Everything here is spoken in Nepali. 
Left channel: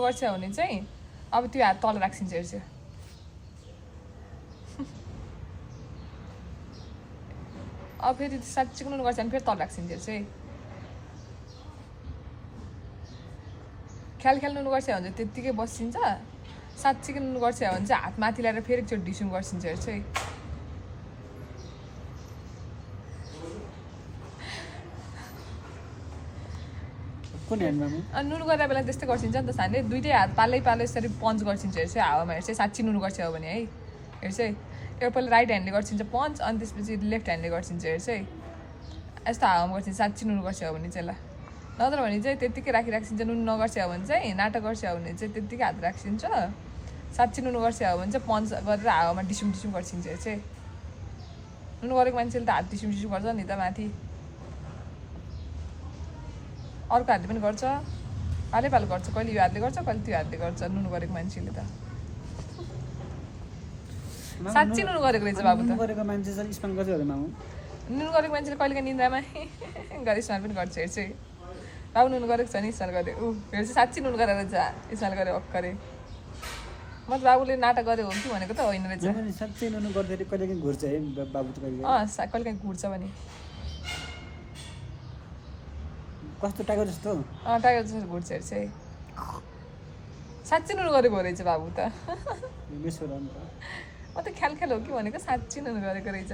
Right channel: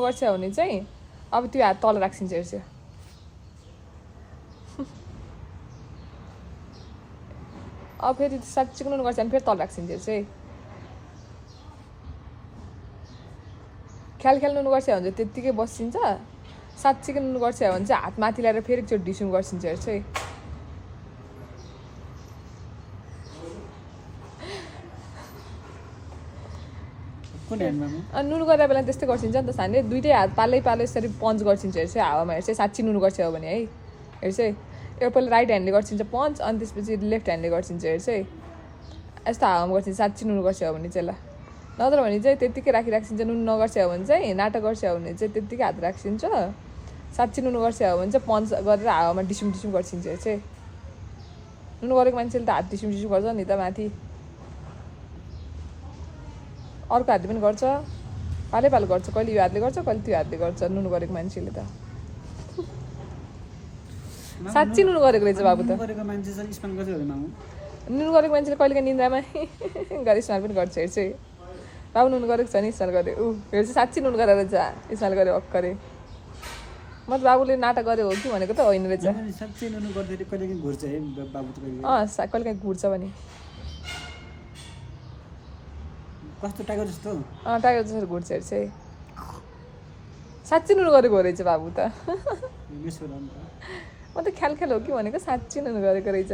गर्छ भने चाहिँ अब त्यो हात तल राखिन्छ हेर्छ अब फेरि साँच्चीको नुन गर्छ भने फेरि तल राखिन्छ हेर्छ ख्याल नुन गर्छ भने चाहिँ त्यत्तिकै बसिन्छ साँच्चीको नुन गर्छ भने चाहिँ हात माथि ल्याएर फेरि एकचोटि ढिसुम गर्छिन्छ हेर्छ नुन गरेर बेला त्यस्तै गर्छिन्छ नि त सानो दुइटै हात पालै यसरी पन्च गर्छिन्छ हेर्छ हावामा हेर्छ साँच्ची नुन गर्छ भने है हेर्छ एउटा पहिला राइट ह्यान्डले गर्छिन्छ पन्च अनि त्यसपछि लेफ्ट ह्यान्डले गर्छिन्छ हेर्छ यस्तो हावामा गर्छिन्छ साँच्ची नुन गर्छ भने चाहिँ ल नत्र भने चाहिँ त्यत्तिकै राखिराख्छिन्छ नुन नगर्छ भने चाहिँ नाटक गर्छ भने चाहिँ त्यत्तिकै हात राखिन्छ साँच्ची नुन गर्छ भने चाहिँ पन्च गरेर हावामा डिसुम गर्छिन्छ हेर्छ नुन गरेको मान्छेले त हात डिसुम गर्छ नि त माथि अर्को हातले पनि गर्छ पालै गर्छ कहिले यो हातले गर्छ कहिले त्यो हातले गर्छ नुन गरेको मान्छेले त साँच्ची नुन गरेको रहेछ बाबु त नुन गरेको मान्छेले कहिलेको निन्द्रामा गरी स्नान पनि गर्छ हेर्छ बाबु नुन गरेको छ नि स्नान गरे हेर्छ साँच्ची नुन गरेर रहेछ स्नान गरे अक्करे म त बाबुले नाटक गरे हो कि भनेको त होइन रहेछ साँच्चै नुन गर्दाखेरि कहिलेकाहीँ घुर्छ है बाबु त कहिलेकाहीँ घुर्छ भने कस्तो टाइगर जस्तो टाइगर जस्तो घुर्छ हेर्छ साँच्ची नुन गरेको रहेछ बाबु त म त ख्याल हो कि भनेको साँच्ची नुन गरेको रहेछ